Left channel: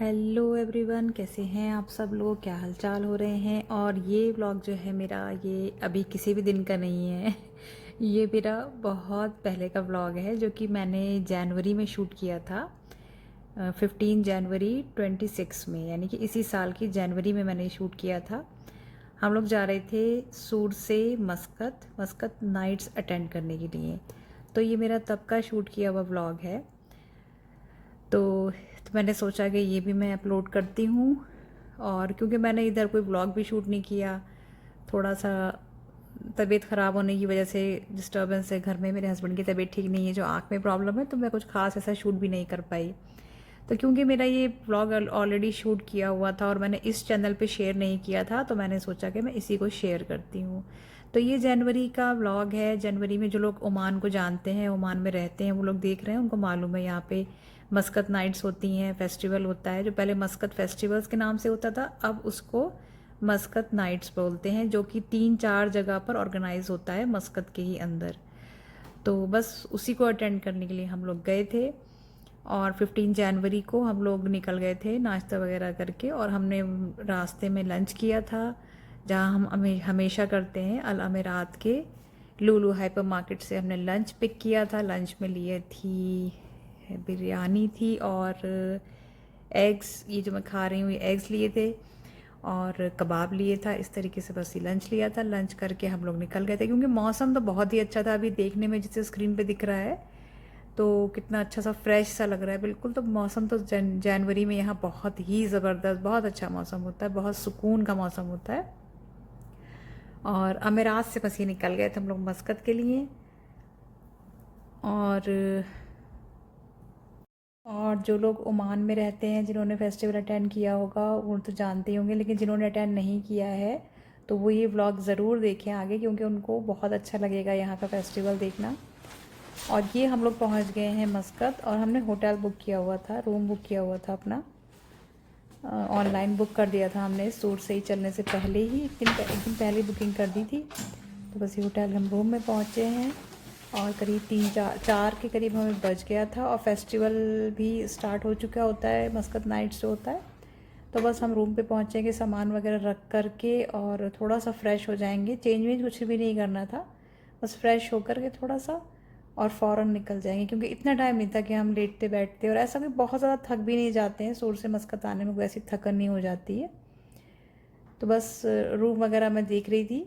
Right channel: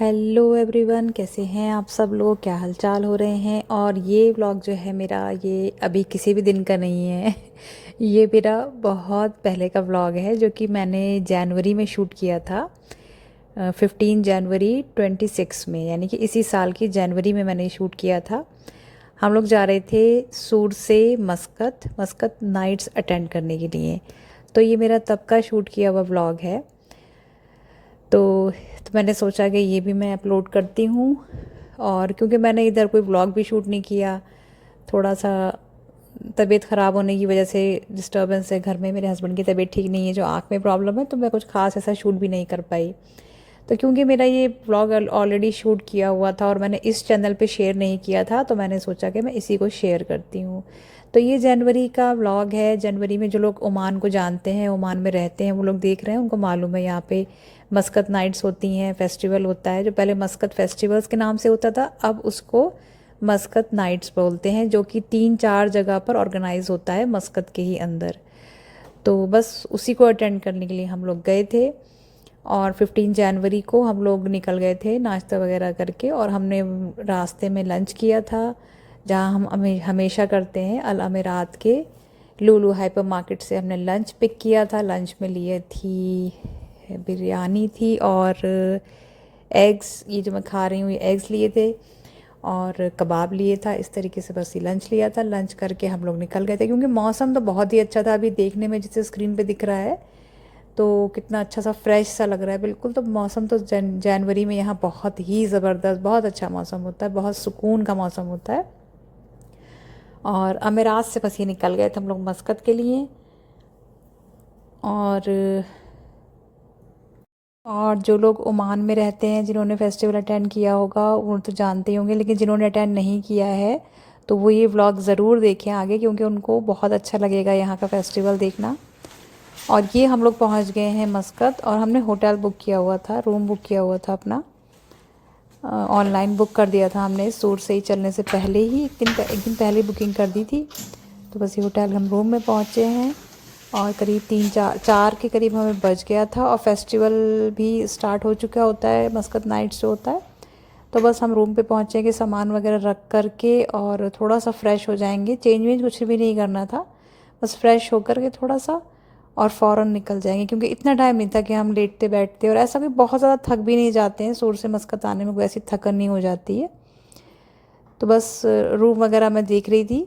Hello everyone, कैसे हैं आप सब लोग? क्या हालचाल हो रहे हैं? और ये व्लॉग जो है मेरा, ये अभी किसी भी दिन का नहीं है। ये मेरा बहुत पहले का व्लॉग है जो कि मैंने जनवरी में शूट किया था। 15 जनवरी 26 में, यानी कि इसी साल की जनवरी में मैंने शूट किया था। हम लोग जा रहे थे सूरत से मस्कत मस्कत नाइट्स अटेंड करने के लिए। तो ये मेरा तब का शूट किया हुआ व्लॉग है। तो मैंने सोचा कि ये भी मैं अपलोड करती हूँ। और क्योंकि मैंने इधर कोई व्लॉग भी शूट नहीं किया, थोड़ा सा तबीयत ख़राब होने की वजह से डिस्टर्बेंस है घर में। मेरे हस्बैंड की तबीयत ठीक नहीं है, जो आँख में प्रॉब्लम है, तो मैं कुछ खास ऐसा शूट भी नहीं कर पाई। तो क्योंकि मेरा ये व्लॉग ऑलरेडी शूट किया हुआ था और मैंने इस चैनल पे शेयर नहीं किया था, तो मैंने सोचा कि मैं इसी को शेयर करती हूँ। तो ये जनवरी का व्लॉग है। जनवरी में जो लोग ओमान को जानते हैं, ओमान में रहते हैं, वो लोग देख रहे हैं, उनको मालूम है यहाँ पे मस्कत नाइट्स होती हैं, फेस्टिवल होता है। जो पहले मस्कत फेस्टिवल्स के नाम से होता था, अब उसको मस्कत नाइट्स बोलते हैं, जो कि 3-4 जगह पर ऑर्गेनाइज होता है मस्कत के ही अंदर। तो बस उसी को अटेंड करने के लिए हम लोग गए थे। और 15 जनवरी को हम लोग निकल गए थे नाश्ता वगैरह करके, और हमने रास्ते में लंच किया था, जहाँ हम हमेशा करते हैं, अल अमीरात के लुलु हाइपर मार्केट से हमने लंच पिक किया था। लंच में लिए थी बिरयानी थी और एग्स, ये जो मैं खा रही हूँ ये एग्स लिए थे, और कबाब लिए था। इस तरीके से बस ये लंच लिया था। लंच करके हम लोग निकल गए थे, क्योंकि मौसम तो बहुत ही अच्छा था। अभी देखने में जिसे स्क्रीन पे दिख रहा है तो कितना अच्छा सा फ्रेश सा लग रहा है बिल्कुल। तो मौसम तो जनवरी में यहाँ बहुत ही ज़बरदस्त, बहुत अच्छा मौसम होता है, बहुत सुकून का मौसम होता है। और अमीरात से बस ये निकल गए थे हम लोग मस्कत के लिए। और जो लोग ओमान में रहते हैं, जिन्होंने फेस्टिवल अटेंड किया होगा, वो तो जानते ही होंगे, लेकिन जिन्होंने अटेंड नहीं किया है तो वो ये व्लॉग ज़रूर देखें आगे, क्योंकि उनको बहुत अच्छा लगेगा यहाँ का फेस्टिवल देखना। और ये हम लोग पहुँच गए हैं मस्कत, और हमने होटल बुक किया हुआ था, रूम बुक किया हुआ था अपना। ऑनलाइन बुक कर दिया था हमने, सूरत से ही चलने से पहले ही एक दिन पहले बुकिंग कर दी थी। तो बस ये होटल हम रूम में पहुँचे हैं, और करीब 3-4 के करीब हमें बज गया था, और फेस्टिवल भी स्टार्ट हो चुका होता है, मस्कत नाइट्स जो होता है। तो बस हम रूम पे पहुँचेंगे, सामान वगैरह रख करके, और थोड़ा सा फ्रेश हो जाएंगे। चेंज वेंज कुछ भी नहीं करना था, बस फ्रेश होकर के थोड़ा सा और फ़ौरन निकल जाएंगे, क्योंकि इतना टाइम नहीं था कि हम लेटते बैठते। और ऐसा भी बहुत ज़्यादा थक भी नहीं जाते हैं, सूरत से मस्कत आने में कोई ऐसी थकन नहीं हो जाती है। तो बस रूम वगैरह मैं देख रही थी।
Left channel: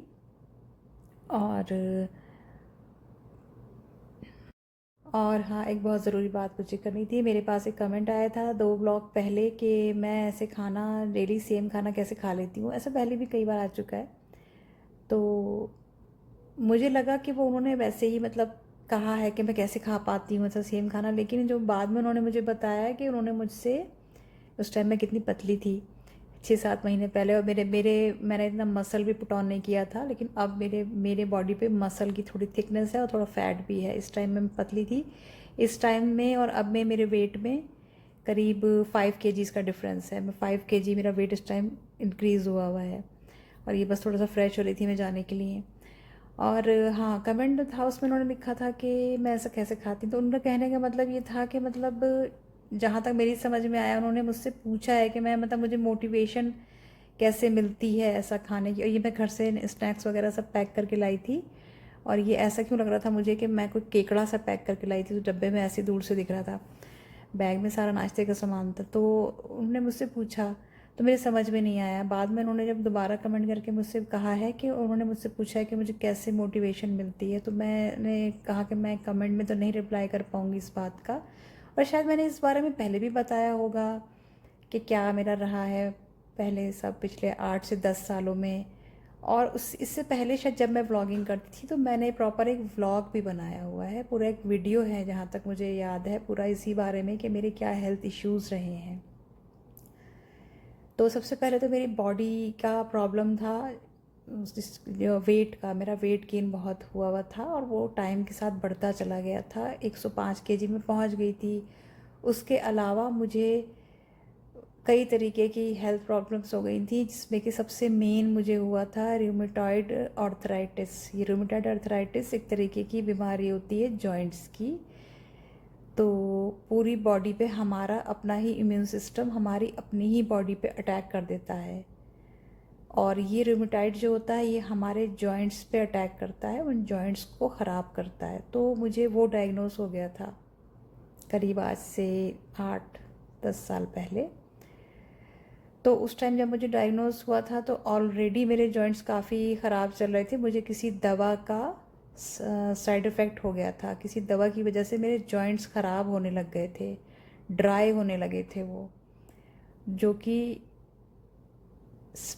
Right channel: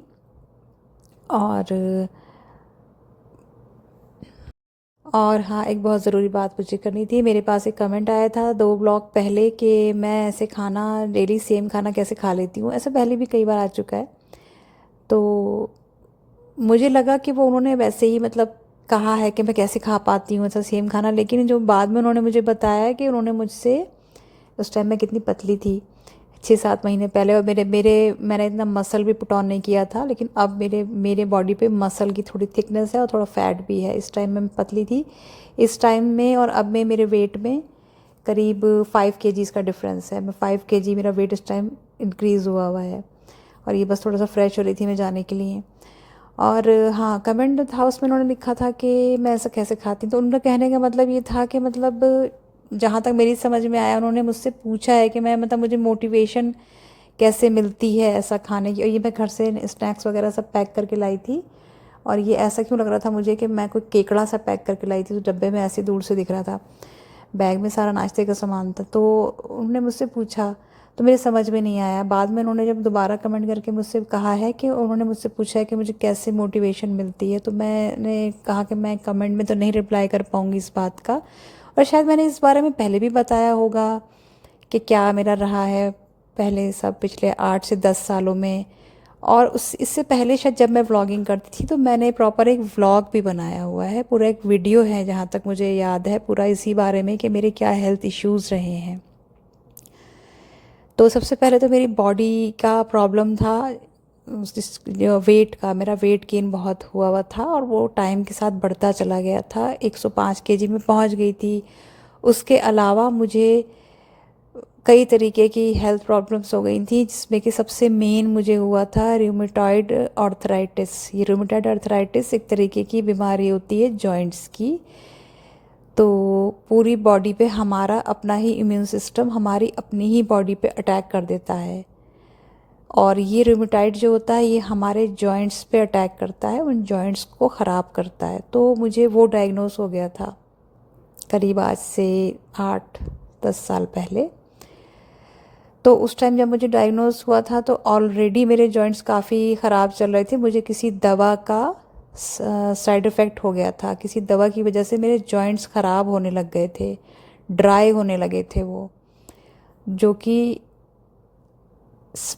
और हाँ, एक बहुत ज़रूरी बात मुझे करनी थी। मेरे पास एक कमेंट आया था 2 ब्लॉग पहले कि मैं ऐसे खाना डेली सेम खाना कैसे खा लेती हूँ। ऐसा पहले भी कई बार आ चुका है। तो मुझे लगा कि वो उन्होंने वैसे ही मतलब कहा है कि मैं कैसे खा पाती हूँ ऐसा सेम खाना, लेकिन जो बाद में उन्होंने मुझे बताया कि उन्होंने मुझसे, उस टाइम मैं कितनी पतली थी, 6-7 महीने पहले, और मेरे मेरे मैंने इतना मसल भी पुट ऑन नहीं किया था, लेकिन अब मेरे मेरे बॉडी पे मसल की थोड़ी थिकनेस है और थोड़ा फैट भी है। इस टाइम में मैं पतली थी, इस टाइम में और अब में मेरे वेट में करीब 5 kgs का डिफरेंस है। मैं 5 kg मेरा वेट इस टाइम इंक्रीज़ हुआ हुआ है। और ये बस थोड़ा सा फ्रेश हो रही थी मैं जाने के लिए। और हाँ, कमेंट था उसमें उन्होंने लिखा था कि मैं ऐसा कैसे खाती हूँ। तो उनका कहने का मतलब ये था कि मतलब जहाँ तक मेरी समझ में आया, उन्होंने मुझसे पूछा है कि मैं मतलब मुझे मोटिवेशन कैसे मिलती है ऐसा खाने की। और ये मैं घर से स्नैक्स वगैरह सब पैक करके लाई थी, और ये ऐसा क्यों लग रहा था मुझे कि मैं कोई केकड़ा सा पैक करके लाई थी, तो डब्बे में ऐसे दूर से दिख रहा था, बैग में सारा नाश्ते का सामान था। तो उन्होंने मुझसे पूछा, तो मेरे समझ में नहीं आया। बाद में उन्होंने जब दोबारा कमेंट करके मुझसे कहा है कि उन्होंने मुझसे पूछा है कि मुझे कैसे मोटिवेशन मिलती है, तो मैंने कहा कि मैं कमेंट में तो नहीं रिप्लाई कर पाऊँगी इस बात का। और शायद मैंने इस बारे में पहले भी बताया होगा कि क्या मेरा रहा है पहले सब पिछले 8 से 10 सालों में। और उस इससे पहले शायद जब मैं व्लॉगिंग करती थी, तो मैंने प्रॉपर एक व्लॉग भी बनाया हुआ है, पूरा एक वीडियो है जहाँ तक मुझे याद है, पूरा इसी बारे में कि मेरे क्या हेल्थ इश्यूज़ रहे हैं। तो सबसे पहले तो मेरी बॉडी का प्रॉब्लम था, वेट का, मेरा वेट गेन बहुत हुआ हुआ था, और वो टाइम के साथ बढ़ता चला गया था, 105 kg में पहुंच गई थी। उसके अलावा मुझे कई तरीके की हेल्थ प्रॉब्लम्स हो गई थी, जिसमें कि सबसे मेन मुझे हुआ था रूमेटॉइड आर्थराइटिस। ये रूमेटॉइड आर्थराइटिस एक तरीके की बीमारी होती है जॉइंट्स की। तो पूरी बॉडी पे हमारा अपना ही इम्यून सिस्टम हमारी अपनी ही बॉडी पे अटैक कर देता है। और ये रूमेटाइड जो होता है ये हमारे जॉइंट्स पे अटैक करता है, उन जॉइंट्स को ख़राब करता है। तो मुझे वो डायग्नोस हो गया था करीब आज से 8-10 साल पहले। तो उस टाइम जब मुझे डायग्नोस हुआ था तो ऑलरेडी मेरे जॉइंट्स काफ़ी ख़राब चल रहे थे। मुझे किसी दवा का साइड इफ़ेक्ट हो गया था, किसी दवा की वजह से मेरे जॉइंट्स ख़राब होने लग गए थे, ड्राई होने लगे थे वो, जो कि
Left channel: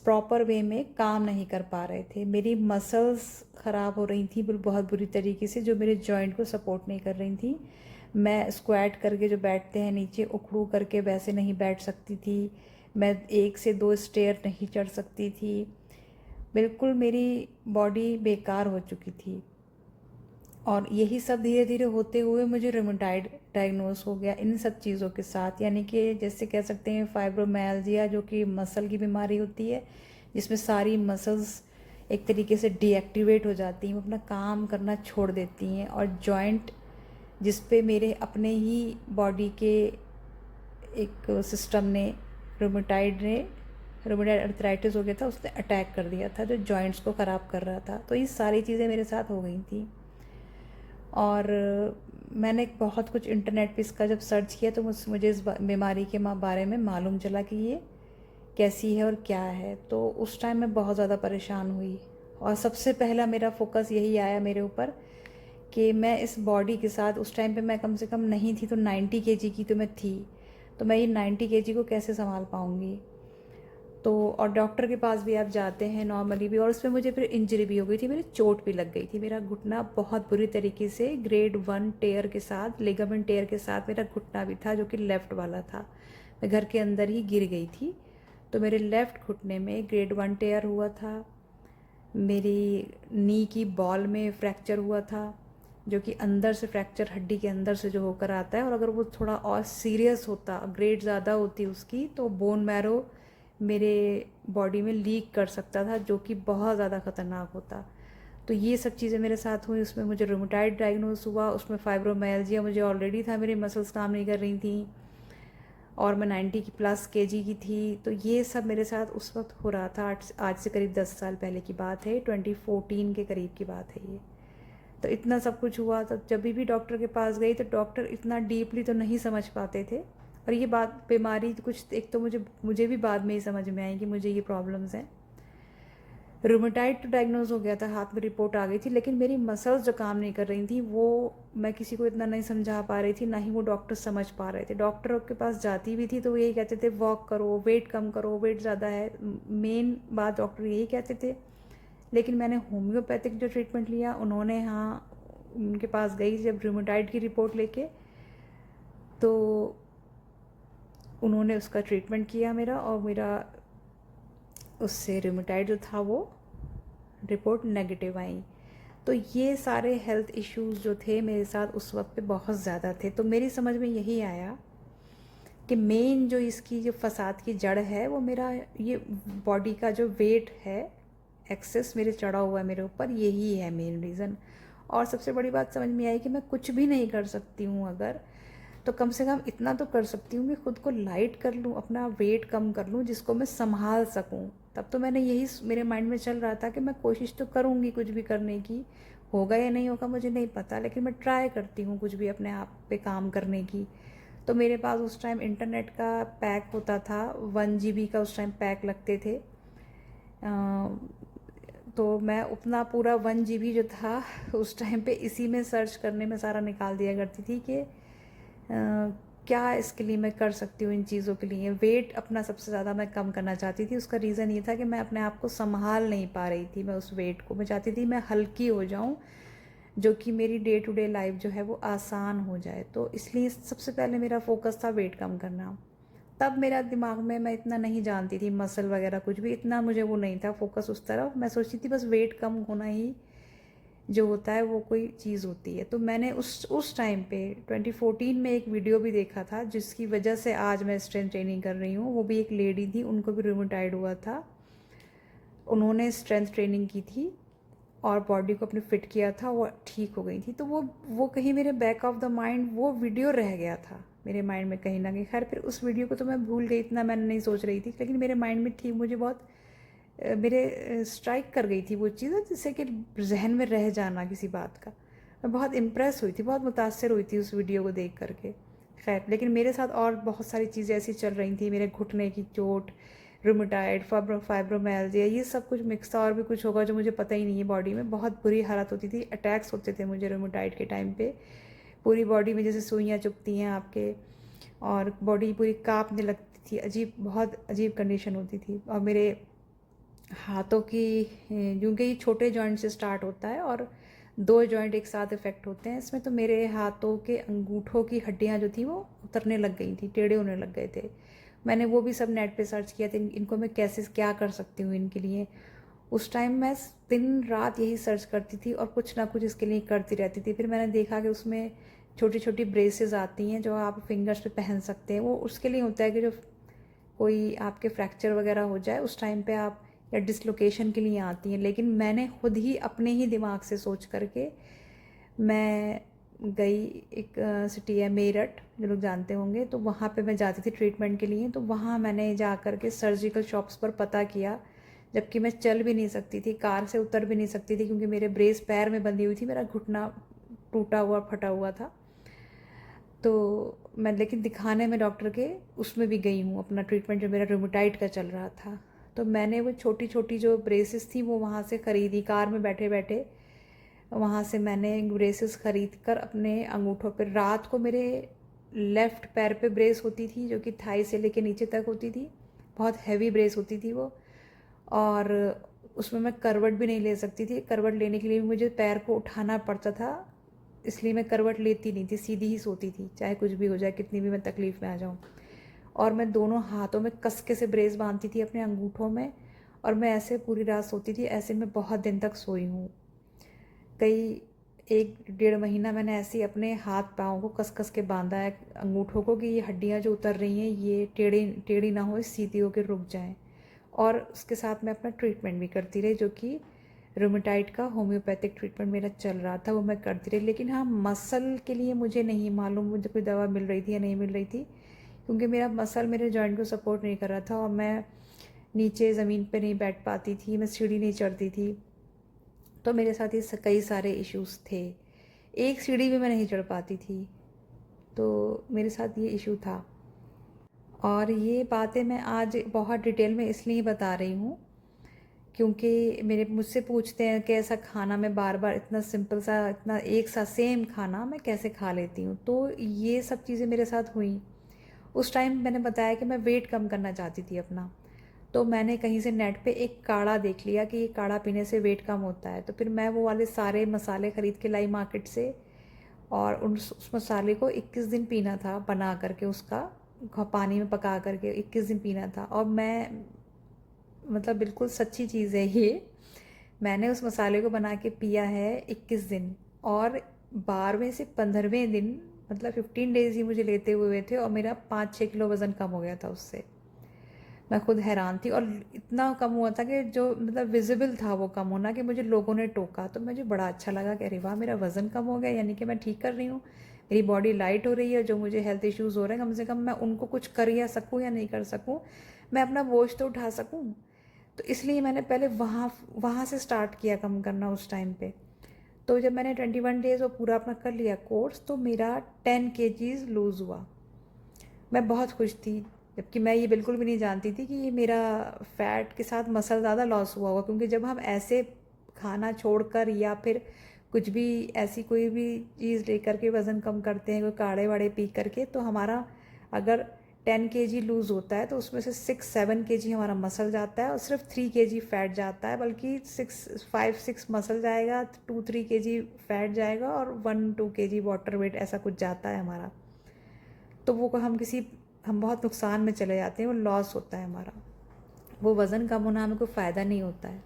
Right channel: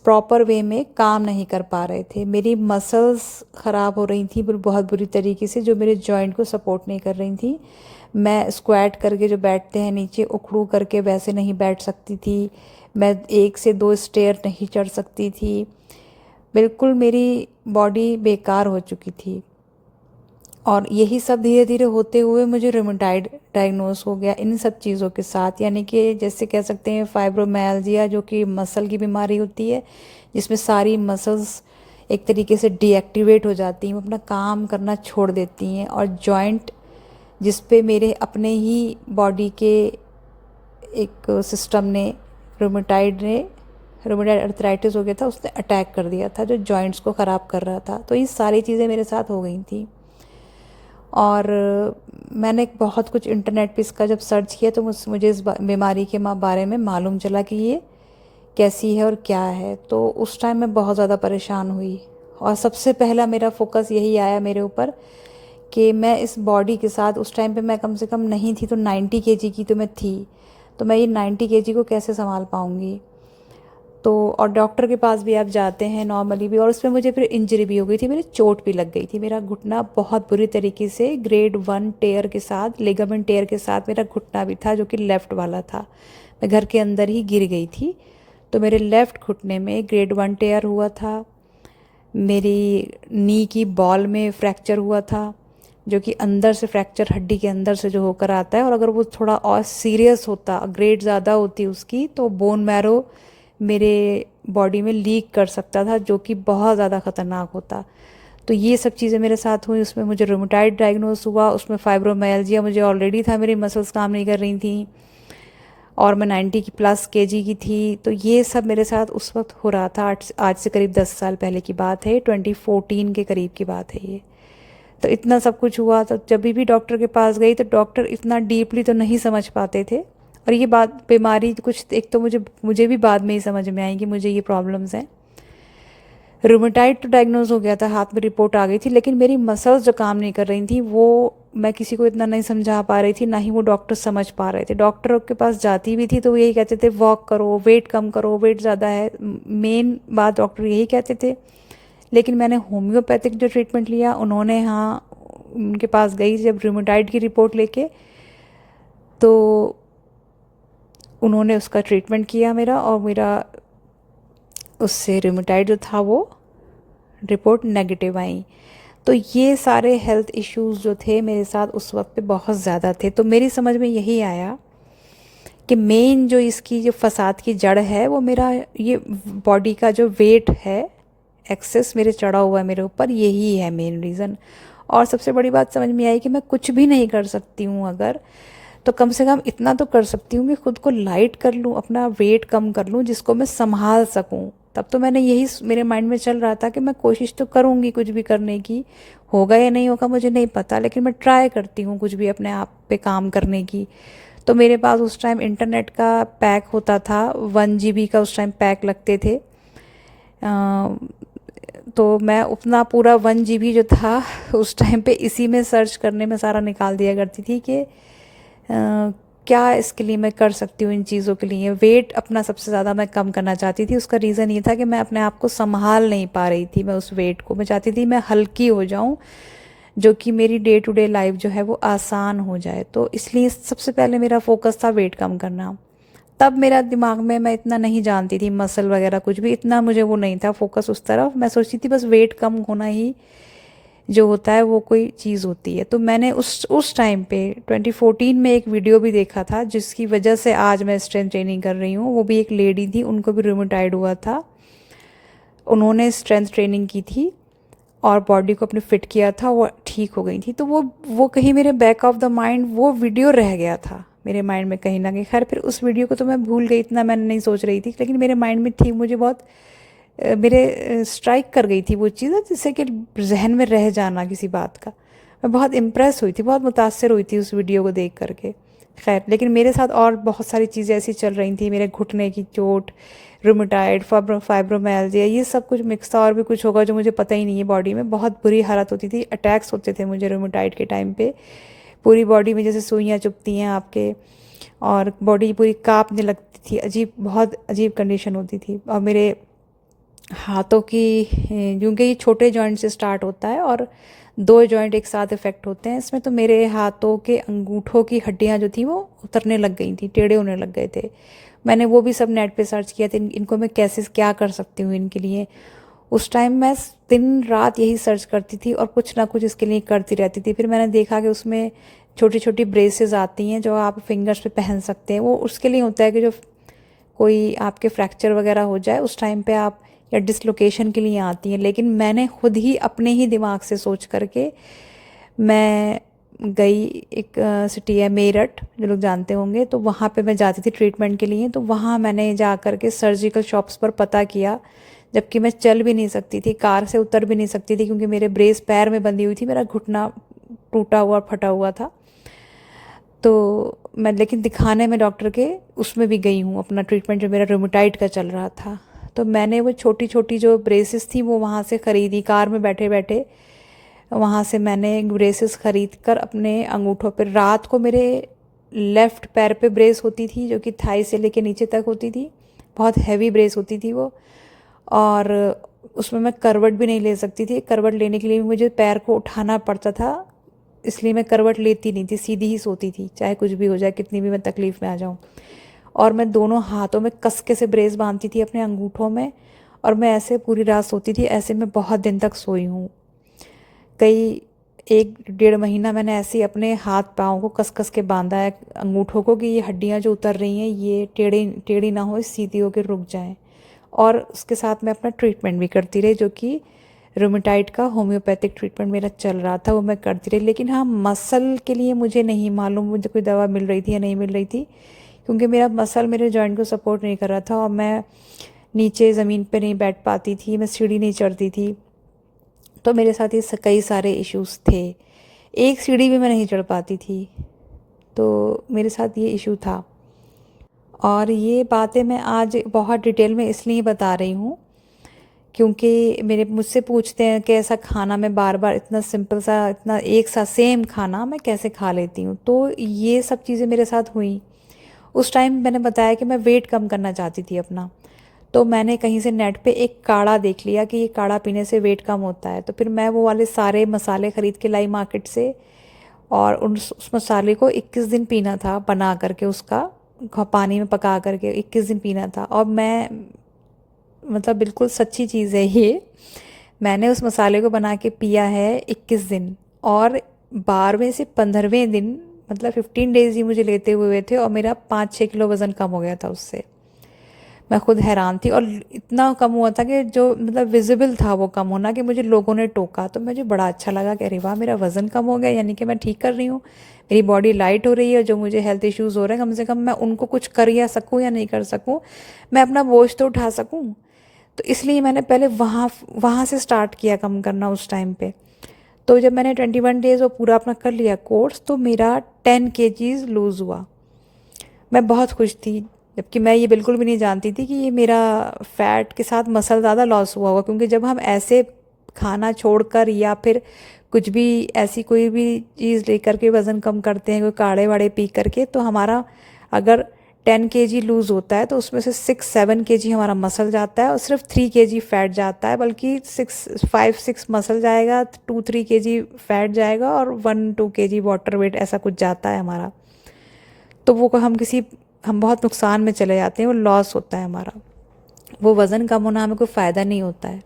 प्रॉपर वे में काम नहीं कर पा रहे थे। मेरी मसल्स ख़राब हो रही थी बहुत बुरी तरीके से, जो मेरे जॉइंट को सपोर्ट नहीं कर रही थी। मैं स्क्वाट करके जो बैठते हैं नीचे उखड़ू करके वैसे नहीं बैठ सकती थी। मैं 1 से 2 स्टेयर नहीं चढ़ सकती थी। बिल्कुल मेरी बॉडी बेकार हो चुकी थी। और यही सब धीरे धीरे होते हुए मुझे रूमेटाइड डायग्नोस हो गया इन सब चीज़ों के साथ। यानी कि जैसे कह सकते हैं फाइब्रोमाइल्जिया, जो कि मसल की बीमारी होती है, जिसमें सारी मसल्स एक तरीके से डीएक्टिवेट हो जाती हैं, वो अपना काम करना छोड़ देती हैं। और जॉइंट जिस पे मेरे अपने ही बॉडी के एक सिस्टम ने रूमेटाइड अर्थराइटिस हो गया था, उसने अटैक कर दिया था, जो जॉइंट्स को ख़राब कर रहा था। तो ये सारी चीज़ें मेरे साथ हो गई थी। और मैंने बहुत कुछ इंटरनेट पे इसका जब सर्च किया तो मुझे इस बीमारी के बारे में मालूम चला कि ये कैसी है और क्या है। तो उस टाइम मैं बहुत ज़्यादा परेशान हुई और सबसे पहला मेरा फोकस यही आया मेरे ऊपर कि मैं इस बॉडी के साथ, उस टाइम पे मैं कम से कम नहीं थी तो 90 केजी की तो मैं थी, तो मैं ये 90 केजी को कैसे संभाल पाऊँगी। तो और डॉक्टर के पास भी आप जाते हैं नॉर्मली भी, और उसमें मुझे फिर इंजरी भी हो गई थी, मेरी चोट भी लग गई थी। मेरा घुटना बहुत बुरी तरीके से ग्रेड 1 टेयर के साथ, लिगामेंट टेयर के साथ मेरा घुटना भी था, जो कि लेफ़्ट वाला था। मैं घर के अंदर ही गिर गई थी, तो मेरे लेफ़्ट घुटने में ग्रेड 1 टेयर हुआ था। मेरी नी की बॉल में फ्रैक्चर हुआ था, जो कि अंदर से फ्रैक्चर हड्डी के अंदर से जो होकर आता है। और अगर वो थोड़ा और सीरियस होता, ग्रेड ज़्यादा होती उसकी, तो बोन मैरो मेरे बॉडी में लीक कर सकता था, जो कि बहुत ज़्यादा ख़तरनाक होता। तो ये सब चीज़ें मेरे साथ हुई। उसमें मुझे रूमेटाइड डायग्नोस हुआ, उसमें फाइब्रोमाइल्जिया मुझे ऑलरेडी था, मेरी मसल्स काम नहीं कर रही थी, और मैं 90 की प्लस केजी की थी। तो ये सब मेरे साथ उस वक्त हो रहा था। आज से करीब 10 साल पहले की बात है, 2014 के करीब की बात है ये। तो इतना सब कुछ हुआ। तो जब भी डॉक्टर के पास गई तो डॉक्टर इतना डीपली तो नहीं समझ पाते थे। और ये बात बीमारी कुछ एक तो मुझे भी बाद में ही समझ में आई कि मुझे ये प्रॉब्लम्स हैं। रूमेटाइड तो डायग्नोज हो गया था, हाथ में रिपोर्ट आ गई थी, लेकिन मेरी मसल्स जो काम नहीं कर रही थी वो मैं किसी को इतना नहीं समझा पा रही थी, ना ही वो डॉक्टर समझ पा रहे थे। डॉक्टर के पास जाती भी थी तो वो यही कहते थे वॉक करो, वेट कम करो, वेट ज़्यादा है, मेन बात डॉक्टर यही कहते थे। लेकिन मैंने होम्योपैथिक जो ट्रीटमेंट लिया, उन्होंने, हाँ, उनके पास गई जब रूमेटाइड की रिपोर्ट लेके, तो उन्होंने उसका ट्रीटमेंट किया मेरा, और मेरा उससे रूमेटाइड जो था वो रिपोर्ट नेगेटिव आई। तो ये सारे हेल्थ इश्यूज़ जो थे मेरे साथ उस वक्त पे बहुत ज़्यादा थे। तो मेरी समझ में यही आया कि मेन जो इसकी जो फसाद की जड़ है वो मेरा ये बॉडी का जो वेट है एक्सेस मेरे चढ़ा हुआ है मेरे ऊपर, यही है मेन रीज़न। और सबसे बड़ी बात समझ में आई कि मैं कुछ भी नहीं कर सकती हूँ अगर, तो कम से कम इतना तो कर सकती हूँ कि खुद को लाइट कर लूँ, अपना वेट कम कर लूँ, जिसको मैं संभाल सकूँ। तब तो मैंने यही मेरे माइंड में चल रहा था कि मैं कोशिश तो करूँगी कुछ भी करने की, होगा या नहीं होगा मुझे नहीं पता, लेकिन मैं ट्राई करती हूँ कुछ भी अपने आप पे काम करने की। तो मेरे पास उस टाइम इंटरनेट का पैक होता था, 1 GB का उस टाइम पैक लगते थे। तो मैं अपना पूरा 1 GB जो था उस टाइम पे इसी में सर्च करने में सारा निकाल दिया करती थी कि क्या इसके लिए मैं कर सकती हूँ, इन चीज़ों के लिए। वेट अपना सबसे ज़्यादा मैं कम करना चाहती थी। उसका रीज़न ये था कि मैं अपने आप को संभाल नहीं पा रही थी, मैं उस वेट को, मैं चाहती थी मैं हल्की हो जाऊँ, जो कि मेरी डे टू डे लाइफ जो है वो आसान हो जाए। तो इसलिए सबसे पहले मेरा फोकस था वेट कम करना। तब मेरा दिमाग में, मैं इतना नहीं जानती थी मसल वगैरह कुछ भी, इतना मुझे वो नहीं था फोकस उस तरफ। मैं सोचती थी बस वेट कम होना ही जो होता है वो कोई चीज़ होती है। तो मैंने उस टाइम पे 2014 में एक वीडियो भी देखा था, जिसकी वजह से आज मैं स्ट्रेंथ ट्रेनिंग कर रही हूँ। वो भी एक लेडी थी, उनको भी रूमेटाइड हुआ था, उन्होंने स्ट्रेंथ ट्रेनिंग की थी, और बॉडी को अपने फिट किया था, वो ठीक हो गई थी। तो वो कहीं मेरे बैक ऑफ द माइंड वो वीडियो रह गया था मेरे माइंड में कहीं ना कहीं। खैर फिर उस वीडियो को तो मैं भूल गई, इतना मैंने नहीं सोच रही थी, लेकिन मेरे माइंड में थी, मुझे बहुत मेरे स्ट्राइक कर गई थी वो चीज़, जिससे कि जहन में रह जाना किसी बात का। मैं बहुत इम्प्रेस हुई थी, बहुत मुतासर हुई थी उस वीडियो को देख करके। खैर लेकिन मेरे साथ और बहुत सारी चीज़ें ऐसी चल रही थी, मेरे घुटने की चोट, रूमेटाइड, फाइब्रोमाइल्जिया, ये सब कुछ मिक्स था। और भी कुछ होगा जो मुझे पता ही नहीं है। बॉडी में बहुत बुरी हालत होती थी, अटैक्स होते थे मुझे रूमेटाइड के टाइम पे। पूरी बॉडी में जैसे सुइयाँ चुभती हैं आपके, और बॉडी पूरी कांपने लगती थी, अजीब, बहुत अजीब कंडीशन होती थी। और मेरे हाथों की, क्योंकि ये छोटे जॉइंट से स्टार्ट होता है और दो जॉइंट एक साथ इफ़ेक्ट होते हैं इसमें, तो मेरे हाथों के अंगूठों की हड्डियां जो थी वो उतरने लग गई थी, टेढ़े होने लग गए थे। मैंने वो भी सब नेट पे सर्च किया था, इनको मैं कैसे क्या कर सकती हूँ इनके लिए। उस टाइम मैं दिन रात यही सर्च करती थी और कुछ ना कुछ इसके लिए करती रहती थी। फिर मैंने देखा कि उसमें छोटी छोटी ब्रेसेस आती हैं जो आप फिंगर्स पे पहन सकते हैं। वो उसके लिए होता है कि जो कोई आपके फ्रैक्चर वगैरह हो जाए उस टाइम पे आप, या डिसलोकेशन के लिए आती हैं। लेकिन मैंने खुद ही अपने ही दिमाग से सोच करके मैं गई, एक सिटी है मेरठ, जो लोग जानते होंगे, तो वहाँ पे मैं जाती थी ट्रीटमेंट के लिए। तो वहाँ मैंने जा कर के सर्जिकल शॉप्स पर पता किया, जबकि मैं चल भी नहीं सकती थी, कार से उतर भी नहीं सकती थी, क्योंकि मेरे ब्रेस पैर में बंधी हुई थी, मेरा घुटना टूटा हुआ फटा हुआ था। तो मैं लेकिन दिखाने में डॉक्टर के उसमें भी गई हूँ, अपना ट्रीटमेंट जो मेरा रूमेटाइड का चल रहा था। तो मैंने वो छोटी छोटी जो ब्रेसेस थी वो वहाँ से ख़रीदी, कार में बैठे बैठे वहाँ से मैंने ब्रेसेस ख़रीद कर अपने अंगूठों पर, रात को मेरे लेफ़्ट पैर पे ब्रेस होती थी जो कि थाई से लेके नीचे तक होती थी, बहुत हैवी ब्रेस होती थी वो। और उसमें मैं करवट भी नहीं ले सकती थी, करवट लेने के लिए भी मुझे पैर को उठाना पड़ता था, इसलिए मैं करवट लेती नहीं थी, सीधी ही सोती थी, चाहे कुछ भी हो जाए, कितनी भी मैं तकलीफ़ में आ जाऊँ। और मैं दोनों हाथों में कसके से ब्रेस बांधती थी अपने अंगूठों में, और मैं ऐसे पूरी रात सोती थी। ऐसे मैं बहुत दिन तक सोई हूँ, कई 1 डेढ़ महीना मैंने ऐसे ही अपने हाथ पाँव को कस कस के बांधा है अंगूठों को, कि ये हड्डियाँ जो उतर रही हैं ये टेढ़ी टेढ़ी ना हो, सीधी होकर रुक जाएं। और उसके साथ मैं अपना ट्रीटमेंट भी करती रही, जो कि रूमेटाइड का होम्योपैथिक ट्रीटमेंट मेरा चल रहा था, वो मैं करती रही। लेकिन हाँ, मसल के लिए मुझे नहीं मालूम मुझे कोई दवा मिल रही थी या नहीं मिल रही थी, क्योंकि मेरा मसल मेरे जॉइंट को सपोर्ट नहीं कर रहा था, और मैं नीचे ज़मीन पे नहीं बैठ पाती थी, मैं सीढ़ी नहीं चढ़ती थी। तो मेरे साथ ये कई सारे इश्यूज़ थे, एक सीढ़ी भी मैं नहीं चढ़ पाती थी। तो मेरे साथ ये इशू था, और ये बातें मैं आज बहुत डिटेल में इसलिए बता रही हूँ क्योंकि मेरे मुझसे पूछते हैं कि ऐसा खाना मैं बार बार, इतना सिंपल सा, इतना एक सा सेम खाना मैं कैसे खा लेती हूँ। तो ये सब चीज़ें मेरे साथ हुई। उस टाइम मैंने बताया कि मैं वेट कम करना चाहती थी अपना। तो मैंने कहीं से नेट पे एक काढ़ा देख लिया कि ये काढ़ा पीने से वेट कम होता है। तो फिर मैं वो वाले सारे मसाले ख़रीद के लाई मार्केट से, और उस मसाले को 21 दिन पीना था, बना करके उसका पानी में पका करके 21 दिन पीना था। और मैं, मतलब बिल्कुल सच्ची चीज़ है ये, मैंने उस मसाले को बना के पिया है 21 दिन, और 12वें से 15वें दिन, मतलब 15 डेज़ ही मुझे लेते हुए थे, और मेरा 5-6 किलो वज़न कम हो गया था उससे। मैं खुद हैरान थी, और इतना कम हुआ था कि जो मतलब विजिबल था वो कम होना, कि मुझे लोगों ने टोका। तो मुझे बड़ा अच्छा लगा कि अरे वाह, मेरा वज़न कम हो गया, यानी कि मैं ठीक कर रही हूँ, मेरी बॉडी लाइट हो रही है। जो मुझे हेल्थ इश्यूज़ हो रहे हैं, कम से कम मैं उनको कुछ कर या सकूँ या नहीं कर सकूँ, मैं अपना बोझ तो उठा सकूँ। तो इसलिए मैंने पहले वहाँ वहाँ से स्टार्ट किया कम करना उस टाइम पे। तो जब मैंने 21 डेज़ वो पूरा अपना कर लिया कोर्स, तो मेरा 10 kgs लूज़ हुआ। मैं बहुत खुश थी, जबकि मैं ये बिल्कुल भी नहीं जानती थी कि ये मेरा फ़ैट के साथ मसल ज़्यादा लॉस हुआ होगा। क्योंकि जब हम ऐसे खाना छोड़कर या फिर कुछ भी ऐसी कोई भी चीज़ लेकर के वज़न कम करते हैं, कोई काढ़े वाढ़े पी करके, तो हमारा अगर 10 kg लूज़ होता है तो उसमें से 6-7 kg हमारा मसल जाता है, और सिर्फ 3 kg फैट जाता है, बल्कि 5-6 मसल जाएगा, 2-3 kg फैट जाएगा, और 1-2 kg वाटर वेट, ऐसा कुछ जाता है हमारा। तो वो हम बहुत नुकसान में चले जाते हैं, वो लॉस होता है हमारा। वो वज़न कम होना हमें कोई फ़ायदा नहीं होता है,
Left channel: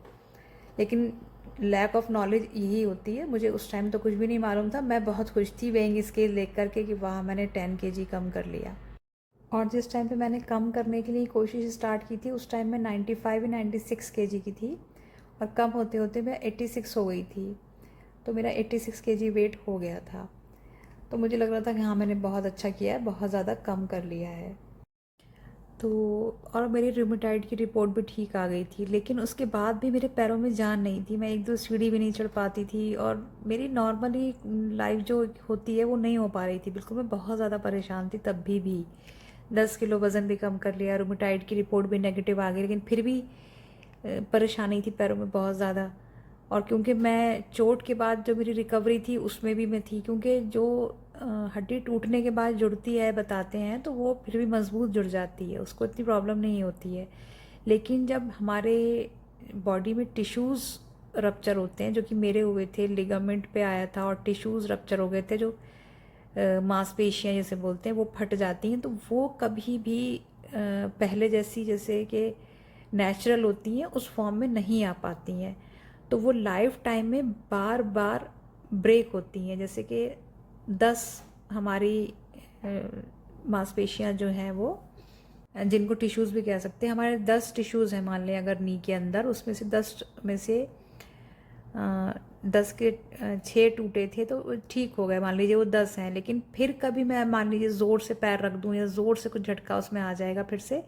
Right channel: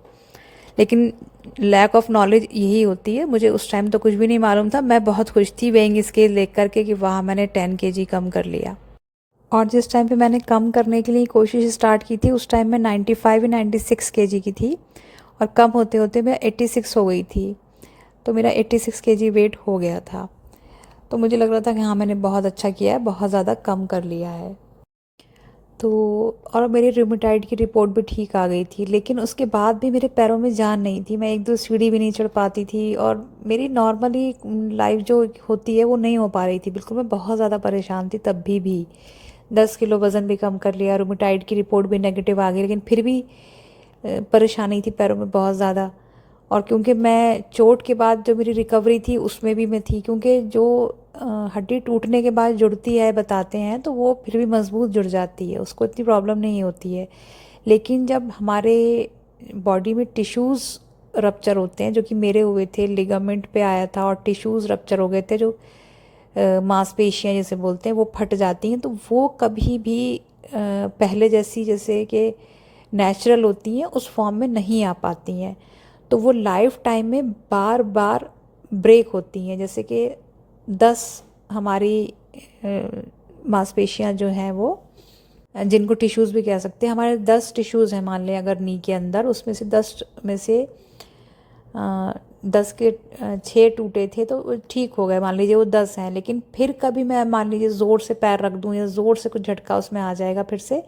लेकिन लैक ऑफ नॉलेज यही होती है। मुझे उस टाइम तो कुछ भी नहीं मालूम था, मैं बहुत खुश थी वेइंग स्केल देख करके कि वाह, मैंने 10 kg कम कर लिया। और जिस टाइम पे मैंने कम करने के लिए कोशिश स्टार्ट की थी, उस टाइम मैं 95 या 96 kg की थी, और कम होते होते मैं 86 हो गई थी। तो मेरा 86 केजी वेट हो गया था। तो मुझे लग रहा था कि हाँ, मैंने बहुत अच्छा किया है, बहुत ज़्यादा कम कर लिया है। तो और मेरी रूमेटाइड की रिपोर्ट भी ठीक आ गई थी, लेकिन उसके बाद भी मेरे पैरों में जान नहीं थी। मैं एक दो सीढ़ी भी नहीं चढ़ पाती थी और मेरी नॉर्मली लाइफ जो होती है वो नहीं हो पा रही थी बिल्कुल। मैं बहुत ज़्यादा परेशान थी तब भी 10 किलो वज़न भी कम कर लिया, रूमेटाइड की रिपोर्ट भी नेगेटिव आ गई, लेकिन फिर भी परेशानी थी पैरों में बहुत ज़्यादा। और क्योंकि मैं चोट के बाद जो मेरी रिकवरी थी उसमें भी मैं थी, क्योंकि जो हड्डी टूटने के बाद जुड़ती है बताते हैं तो वो फिर भी मजबूत जुड़ जाती है, उसको इतनी प्रॉब्लम नहीं होती है। लेकिन जब हमारे बॉडी में टिश्यूज़ रप्चर होते हैं, जो कि मेरे हुए थे, लिगामेंट पे आया था और टिश्यूज़ रप्चर हो गए थे, जो मांसपेशियाँ जैसे बोलते हैं वो फट जाती हैं, तो वो कभी भी पहले जैसी जैसे कि नेचुरल होती हैं उस फॉर्म में नहीं आ पाती हैं। तो वो लाइफ टाइम में बार बार ब्रेक होती हैं। जैसे कि 10 हमारी मांसपेशियाँ जो हैं वो, जिनको टिश्यूज़ भी कह सकते हैं, हमारे 10 टिश्यूज़ हैं मान लें अगर नी के अंदर, उसमें से 10 में से 10 के 6 टूटे थे तो वो ठीक हो गए, मान लीजिए वो 10 हैं। लेकिन फिर कभी मैं मान लीजिए ज़ोर से पैर रख दूँ या ज़ोर से कुछ झटका उसमें आ जाएगा फिर से,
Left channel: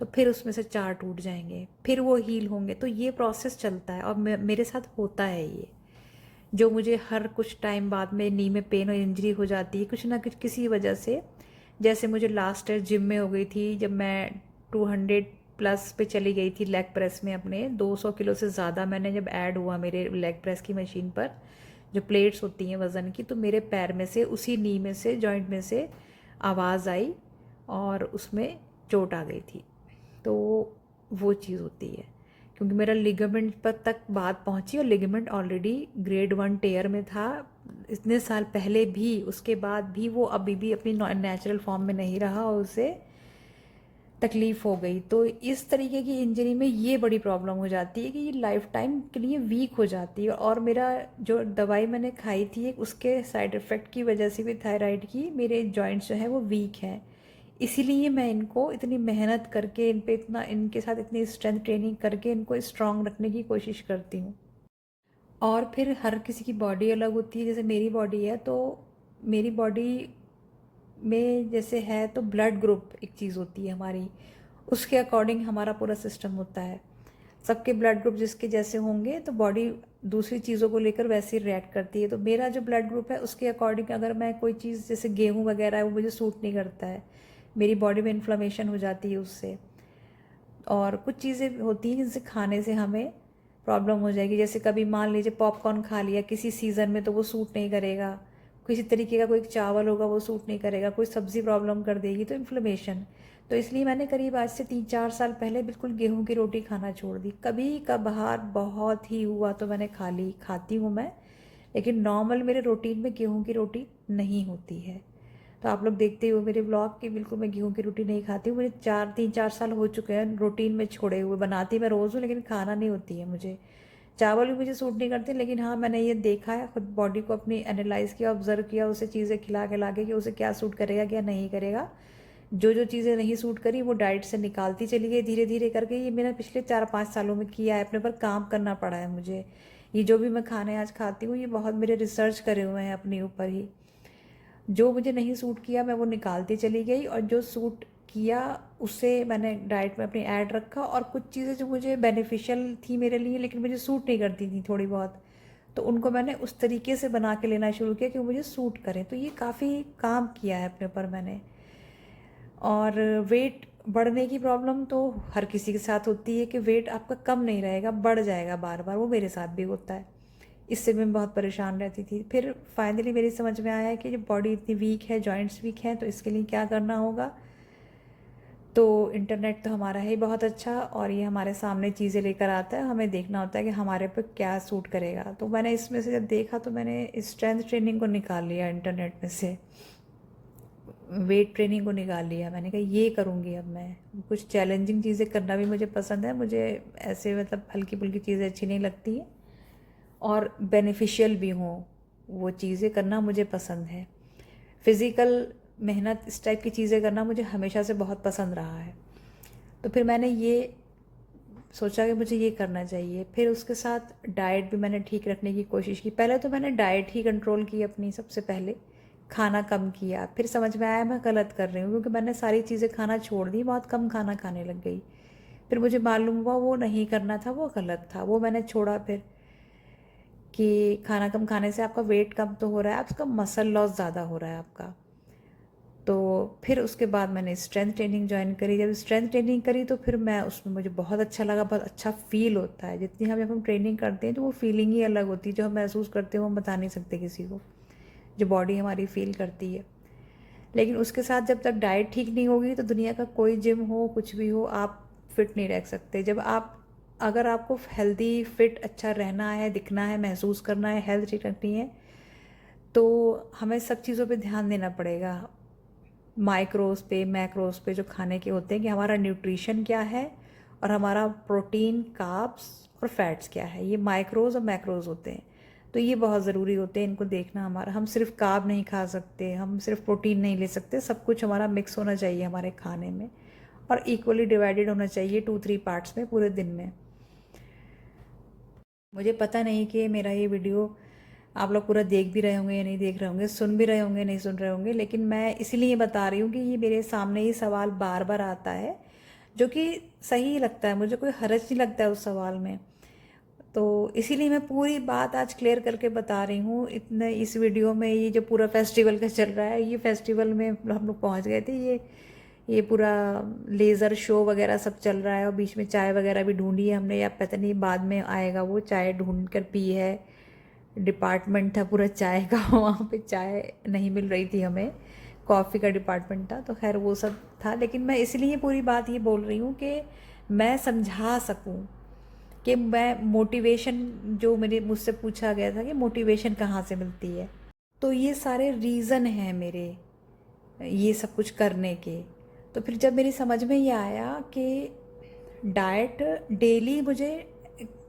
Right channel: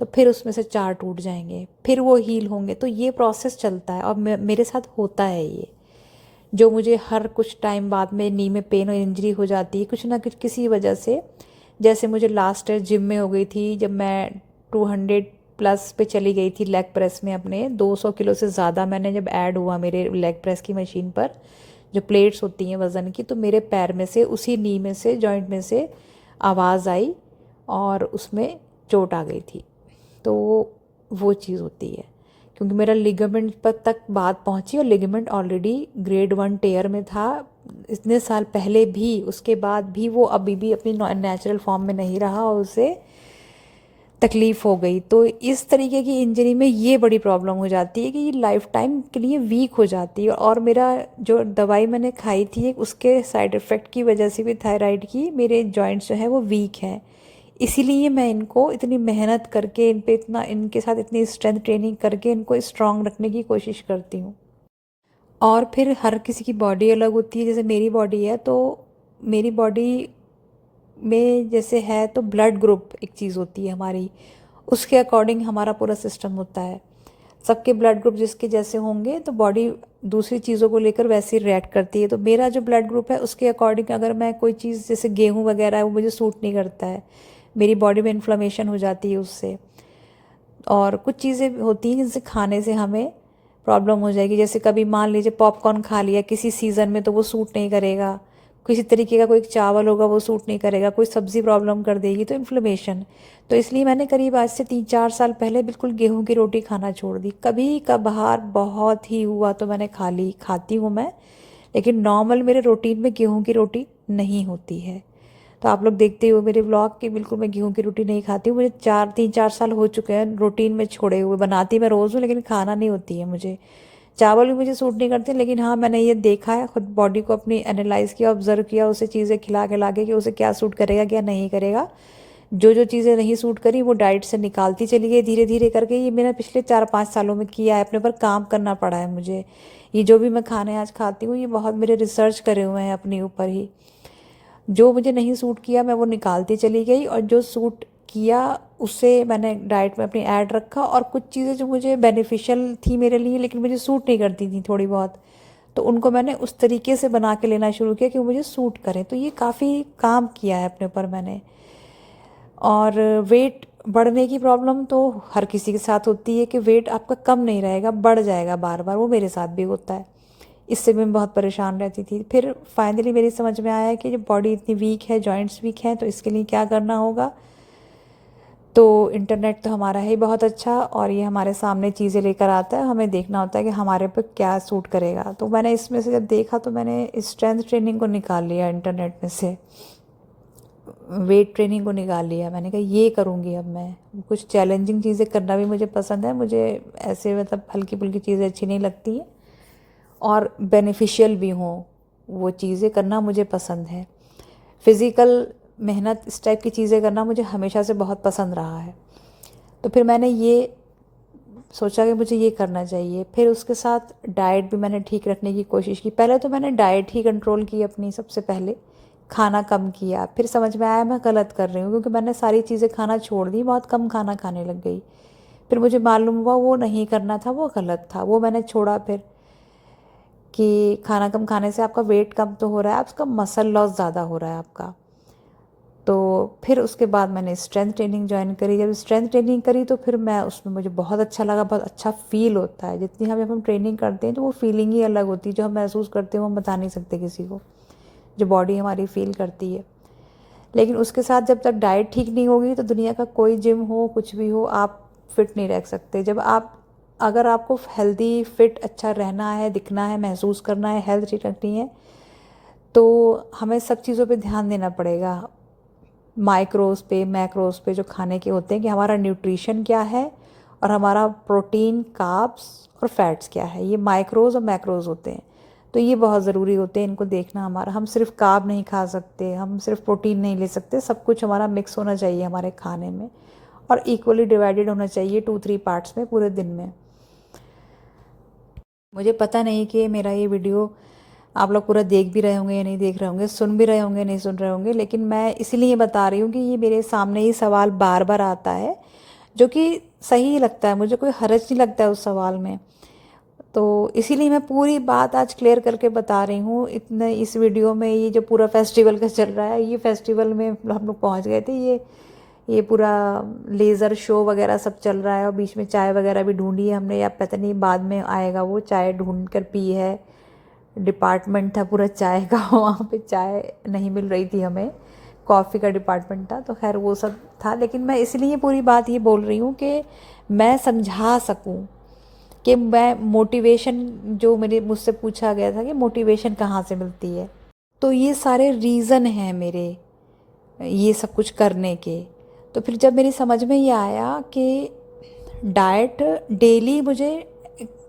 तो फिर उसमें से 4 टूट जाएंगे, फिर वो हील होंगे। तो ये प्रोसेस चलता है और मेरे साथ होता है ये, जो मुझे हर कुछ टाइम बाद में नी में पेन और इंजरी हो जाती है कुछ ना कुछ किसी वजह से। जैसे मुझे लास्ट ईयर जिम में हो गई थी, जब मैं 200 प्लस पे चली गई थी लेग प्रेस में, अपने 200 किलो से ज़्यादा मैंने जब ऐड हुआ मेरे लेग प्रेस की मशीन पर, जो प्लेट्स होती हैं वज़न की, तो मेरे पैर में से, उसी नी में से, जॉइंट में से आवाज़ आई और उसमें चोट आ गई थी। तो वो चीज़ होती है, क्योंकि मेरा लिगामेंट पर तक बात पहुंची और लिगामेंट ऑलरेडी ग्रेड 1 टेयर में था इतने साल पहले भी। उसके बाद भी वो अभी भी अपनी नेचुरल फॉर्म में नहीं रहा और उसे तकलीफ़ हो गई। तो इस तरीके की इंजरी में ये बड़ी प्रॉब्लम हो जाती है कि ये लाइफ टाइम के लिए वीक हो जाती है। और मेरा जो दवाई मैंने खाई थी उसके साइड इफ़ेक्ट की वजह से भी, थायराइड की, मेरे जॉइंट्स जो हैं वो वीक हैं। इसीलिए मैं इनको इतनी मेहनत करके, इन पे इतना, इनके साथ इतनी स्ट्रेंथ ट्रेनिंग करके इनको स्ट्रांग रखने की कोशिश करती हूँ। और फिर हर किसी की बॉडी अलग होती है। जैसे मेरी बॉडी है तो मेरी बॉडी में जैसे है तो ब्लड ग्रुप एक चीज़ होती है हमारी, उसके अकॉर्डिंग हमारा पूरा सिस्टम होता है। सबके ब्लड ग्रुप जिसके जैसे होंगे तो बॉडी दूसरी चीज़ों को लेकर वैसे ही रिएक्ट करती है। तो मेरा जो ब्लड ग्रुप है उसके अकॉर्डिंग अगर मैं कोई चीज़, जैसे गेहूँ वगैरह है, वो मुझे सूट नहीं करता है, मेरी बॉडी में इन्फ्लेमेशन हो जाती है उससे। और कुछ चीज़ें होती हैं जिनसे खाने से हमें प्रॉब्लम हो जाएगी। जैसे कभी मान लीजिए पॉपकॉर्न खा लिया किसी सीज़न में तो वो सूट नहीं करेगा, किसी तरीके का कोई चावल होगा वो सूट नहीं करेगा, कोई सब्ज़ी प्रॉब्लम कर देगी, तो इन्फ्लेमेशन। तो इसलिए मैंने करीब आज से 3-4 साल पहले बिल्कुल गेहूं की रोटी खाना छोड़ दी। कभी कभार बहुत ही हुआ तो मैंने खा ली, खाती हूँ मैं, लेकिन नॉर्मल मेरे रूटीन में गेहूं की रोटी नहीं होती है। तो आप लोग देखते हो मेरे व्लॉग कि बिल्कुल मैं गेहूं की रोटी नहीं खाती हूँ। मुझे 3-4 साल हो चुके हैं रूटीन में छोड़े हुए, बनाती मैं रोज़ हूँ लेकिन खाना नहीं होती है मुझे। चावल भी मुझे सूट नहीं करते, लेकिन हाँ, मैंने ये देखा है, खुद बॉडी को अपनी एनालाइज किया, ऑब्जर्व किया, उसे चीज़ें खिला खिला के कि उसे क्या सूट करेगा क्या नहीं करेगा। जो जो चीज़ें नहीं सूट करी वो डाइट से निकालती चली गई धीरे धीरे करके। ये मैंने पिछले 4-5 सालों में किया है, अपने पर काम करना पड़ा है मुझे। ये जो भी मैं खाने आज खाती हूँ ये बहुत मेरे रिसर्च करे हुए हैं अपने ऊपर ही। जो मुझे नहीं सूट किया मैं वो निकालती चली गई, और जो सूट किया उसे मैंने डाइट में अपनी ऐड रखा। और कुछ चीज़ें जो मुझे बेनिफिशियल थी मेरे लिए लेकिन मुझे सूट नहीं करती थी थोड़ी बहुत, तो उनको मैंने उस तरीके से बना के लेना शुरू किया कि वो मुझे सूट करें। तो ये काफ़ी काम किया है अपने ऊपर मैंने। और वेट बढ़ने की प्रॉब्लम तो हर किसी के साथ होती है कि वेट आपका कम नहीं रहेगा, बढ़ जाएगा बार बार, वो मेरे साथ भी होता है। इससे भी मैं बहुत परेशान रहती थी। फिर फाइनली मेरी समझ में आया कि जब बॉडी इतनी वीक है, जॉइंट्स वीक हैं, तो इसके लिए क्या करना होगा। तो इंटरनेट तो हमारा है ही बहुत अच्छा, और ये हमारे सामने चीज़ें लेकर आता है, हमें देखना होता है कि हमारे पे क्या सूट करेगा। तो मैंने इसमें से जब देखा तो मैंने स्ट्रेंथ ट्रेनिंग को निकाल लिया इंटरनेट में से, वेट ट्रेनिंग को निकाल लिया। मैंने कहा ये करूँगी अब मैं। कुछ चैलेंजिंग चीज़ें करना भी मुझे पसंद है, मुझे ऐसे मतलब हल्की फुल्की चीज़ें अच्छी नहीं लगती हैं, और बेनिफिशियल भी हों वो चीज़ें करना मुझे पसंद है। फिज़िकल मेहनत, इस टाइप की चीज़ें करना मुझे हमेशा से बहुत पसंद रहा है। तो फिर मैंने ये सोचा कि मुझे ये करना चाहिए। फिर उसके साथ डाइट भी मैंने ठीक रखने की कोशिश की। पहले तो मैंने डाइट ही कंट्रोल की अपनी, सबसे पहले खाना कम किया। फिर समझ में आया मैं गलत कर रही हूँ, क्योंकि मैंने सारी चीज़ें खाना छोड़ दी, बहुत कम खाना खाने लग गई। फिर मुझे मालूम हुआ वो नहीं करना था, वो गलत था, वो मैंने छोड़ा। फिर कि खाना कम खाने से आपका वेट कम तो हो रहा है, आपका मसल लॉस ज़्यादा हो रहा है आपका। तो फिर उसके बाद मैंने स्ट्रेंथ ट्रेनिंग ज्वाइन करी। जब स्ट्रेंथ ट्रेनिंग करी तो फिर मैं उसमें, मुझे बहुत अच्छा लगा, बहुत अच्छा फील होता है। जितनी हम जब हम ट्रेनिंग करते हैं तो वो फीलिंग ही अलग होती है, जो हम महसूस करते हैं वो हम बता नहीं सकते किसी को, जो बॉडी हमारी फील करती है। लेकिन उसके साथ जब तक डाइट ठीक नहीं होगी तो दुनिया का कोई जिम हो, कुछ भी हो, आप फिट नहीं रह सकते। जब आप, अगर आपको हेल्दी फिट अच्छा रहना है, दिखना है, महसूस करना है, हेल्थ ठीक रखनी है, तो हमें सब चीज़ों पे ध्यान देना पड़ेगा। माइक्रोज़ पे, मैक्रोज़ पे जो खाने के होते हैं, कि हमारा न्यूट्रिशन क्या है और हमारा प्रोटीन, कार्ब्स और फैट्स क्या है। ये माइक्रोज़ और मैक्रोज़ होते हैं, तो ये बहुत ज़रूरी होते हैं, इनको देखना हमारा। हम सिर्फ कार्ब नहीं खा सकते, हम सिर्फ प्रोटीन नहीं ले सकते, सब कुछ हमारा मिक्स होना चाहिए हमारे खाने में, और इक्वली डिवाइडेड होना चाहिए 2-3 पार्ट्स में पूरे दिन में। मुझे पता नहीं कि मेरा ये वीडियो आप लोग पूरा देख भी रहे होंगे या नहीं देख रहे होंगे, सुन भी रहे होंगे नहीं सुन रहे होंगे, लेकिन मैं इसलिए बता रही हूँ कि ये मेरे सामने ये सवाल बार बार आता है, जो कि सही लगता है, मुझे कोई हर्ज नहीं लगता है उस सवाल में। तो इसीलिए मैं पूरी बात आज क्लियर करके बता रही हूँ इतने इस वीडियो में। ये जो पूरा फेस्टिवल का चल रहा है, ये फेस्टिवल में हम लोग पहुँच गए थे, ये पूरा लेज़र शो वगैरह सब चल रहा है, और बीच में चाय वगैरह भी ढूंढी है हमने, या पता नहीं बाद में आएगा, वो चाय ढूंढ कर पी है। डिपार्टमेंट था पूरा चाय का वहाँ पे चाय नहीं मिल रही थी हमें, कॉफ़ी का डिपार्टमेंट था, तो खैर वो सब था। लेकिन मैं इसलिए पूरी बात ये बोल रही हूँ कि मैं समझा सकूँ कि मैं मोटिवेशन, जो मेरे मुझसे पूछा गया था कि मोटिवेशन कहाँ से मिलती है, तो ये सारे रीज़न हैं मेरे ये सब कुछ करने के। तो फिर जब मेरी समझ में ये आया कि डाइट डेली मुझे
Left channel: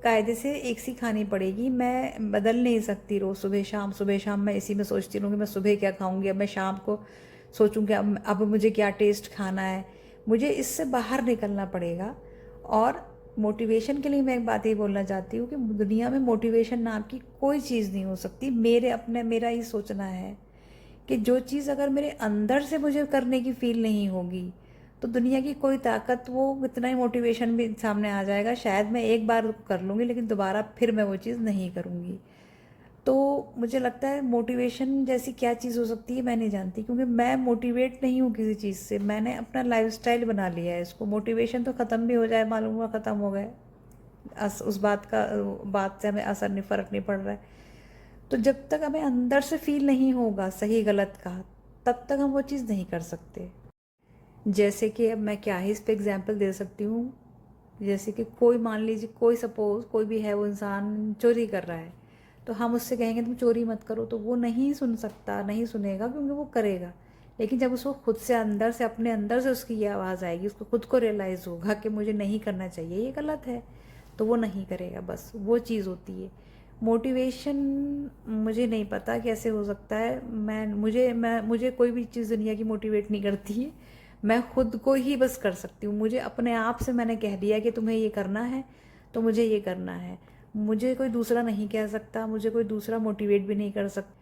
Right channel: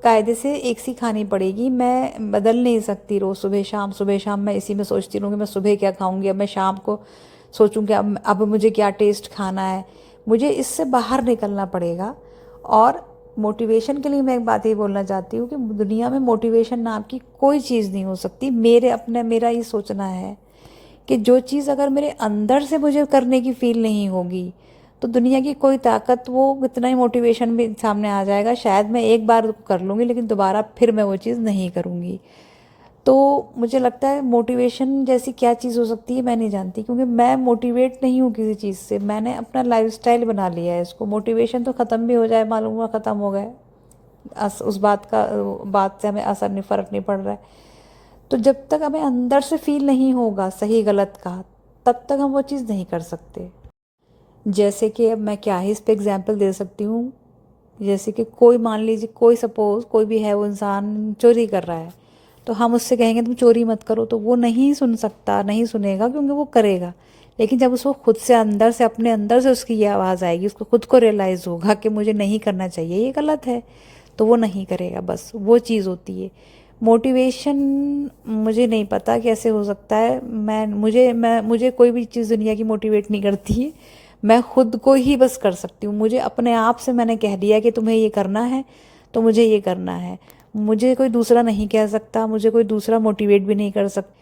कायदे से एक सी खानी पड़ेगी, मैं बदल नहीं सकती रोज़ सुबह शाम मैं इसी में सोचती रहूँगी मैं सुबह क्या खाऊंगी, अब मैं शाम को सोचूं कि अब मुझे क्या टेस्ट खाना है। मुझे इससे बाहर निकलना पड़ेगा। और मोटिवेशन के लिए मैं एक बात ये बोलना चाहती हूँ कि दुनिया में मोटिवेशन नाम की कोई चीज़ नहीं हो सकती। मेरा ये सोचना है कि जो चीज़ अगर मेरे अंदर से मुझे करने की फील नहीं होगी, तो दुनिया की कोई ताकत, वो कितना ही मोटिवेशन भी सामने आ जाएगा, शायद मैं एक बार कर लूँगी लेकिन दोबारा फिर मैं वो चीज़ नहीं करूँगी। तो मुझे लगता है मोटिवेशन जैसी क्या चीज़ हो सकती है मैं नहीं जानती, क्योंकि मैं मोटिवेट नहीं हूँ किसी चीज़ से, मैंने अपना लाइफस्टाइल बना लिया है इसको। मोटिवेशन तो ख़त्म भी हो जाए, मालूम हुआ ख़त्म हो गए, उस बात से हमें असर नहीं, फ़र्क नहीं पड़ रहा है। तो जब तक हमें अंदर से फील नहीं होगा सही गलत का, तब तक हम वो चीज़ नहीं कर सकते। जैसे कि अब मैं क्या ही इस पे एग्जांपल दे सकती हूँ, जैसे कि कोई, मान लीजिए कोई, सपोज कोई भी है, वो इंसान चोरी कर रहा है, तो हम उससे कहेंगे तुम चोरी मत करो, तो वो नहीं सुन सकता, नहीं सुनेगा, क्योंकि वो करेगा। लेकिन जब उसको खुद से अंदर से, अपने अंदर से उसकी ये आवाज़ आएगी, उसको खुद को रियलाइज़ होगा कि मुझे नहीं करना चाहिए, ये गलत है, तो वो नहीं करेगा। बस वो चीज़ होती है मोटिवेशन। मुझे नहीं पता कैसे हो सकता है, मुझे कोई भी चीज़ दुनिया की मोटिवेट नहीं करती है। मैं खुद को ही बस कर सकती हूँ। मुझे अपने आप से मैंने कह दिया कि तुम्हें ये करना है तो मुझे ये करना है, मुझे कोई दूसरा नहीं कह सकता, मुझे कोई दूसरा मोटिवेट भी नहीं कर सकता।